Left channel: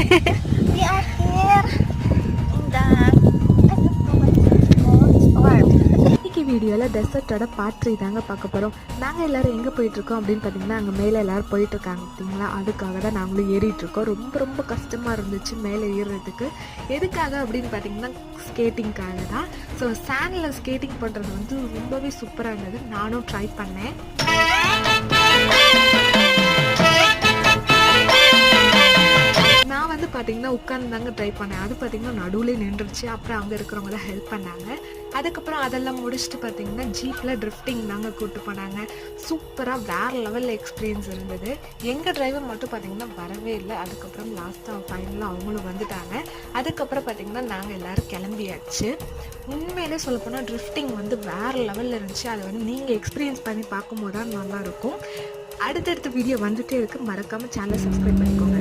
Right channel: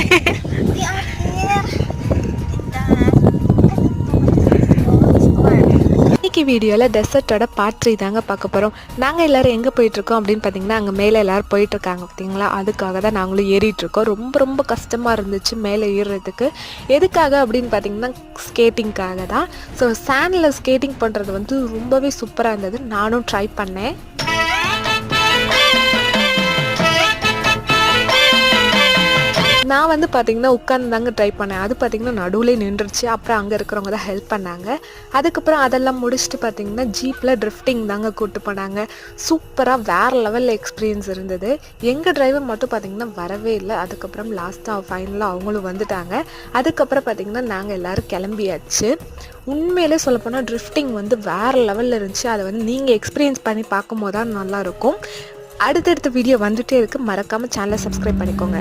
We are here in the இன்னைக்கு வீடியோவில் டெசர்ட்டோட part 3 தாங்க பார்க்க போகிறோம். நாங்கள் எல்லோரும் எங்கே போயிட்டுருக்கோம் அப்படின்னு பார்த்தீங்கன்னா, அங்கே மேலே எல்லோரும் போயிட்டுருக்காங்க பார்த்தீங்களா, அதுக்காக தான் நாங்களும் ஏறிட்டுருக்கோம். ரொம்ப ரொம்ப கஷ்டமாக இருந்துச்சு மேலே ஏறுறதுக்கு. எதுக்காக அப்படின்னு பார்த்தீங்கன்னா, ஸ்கேட்டிங்காக தான். ஸோ சாண்டில் ஸ்கேட்டிங் பண்ணுறது வந்து ரொம்பவே சூப்பராக இருந்தது. நானும் ட்ரை பண்ணேன். நான் வந்து பார்த்திங்கன்னா உட்காந்து தாங்க ட்ரை பண்ணேன். அது பார்த்திங்கன்னா நடுவில் நின்றுச்சு. அப்புறம் அங்கே இருக்கிறவங்க தான் ஹெல்ப் பண்ணாங்க. அதுக்கப்புறம் அதெல்லாம் முடிச்சுட்டு பார்த்திங்கன்னா ஜீப்பில் ட்ரிஃப்டிங் தாங்க கூப்பிட்டு போனாங்க. சூப்பராக வேறு லெவலில் எக்ஸ்பீரியன்ஸ் இருந்தது. எங்கள் டிரைவர் மட்டும் பார்த்திங்கன்னா வரவே இல்லை. அதுக்கப்புறம் லாஸ்ட்டாக ஃபைனலாக அவங்களும் வந்துட்டாங்க. அதுக்கப்புறம் பார்த்திங்கன்னா நாங்கள் எல்லோரும் கிளம்பியாச்சு. உண்மையிலே சொல்லப்போனால் ட்ரிஃப்டிங் வந்து வேறு லெவலில் இருந்துச்சு. அதை வந்து நீங்கள் எக்ஸ்பீரியன்ஸ் பண்ணி பார்க்கும் போது தான் நல்லாயிருக்கும். அடுத்தடுத்த வீடியோ வந்துகிட்டே இருக்குது. மறக்காமல் சேனலை சப்ஸ்கிரைப் பண்ணிக்கோங்க.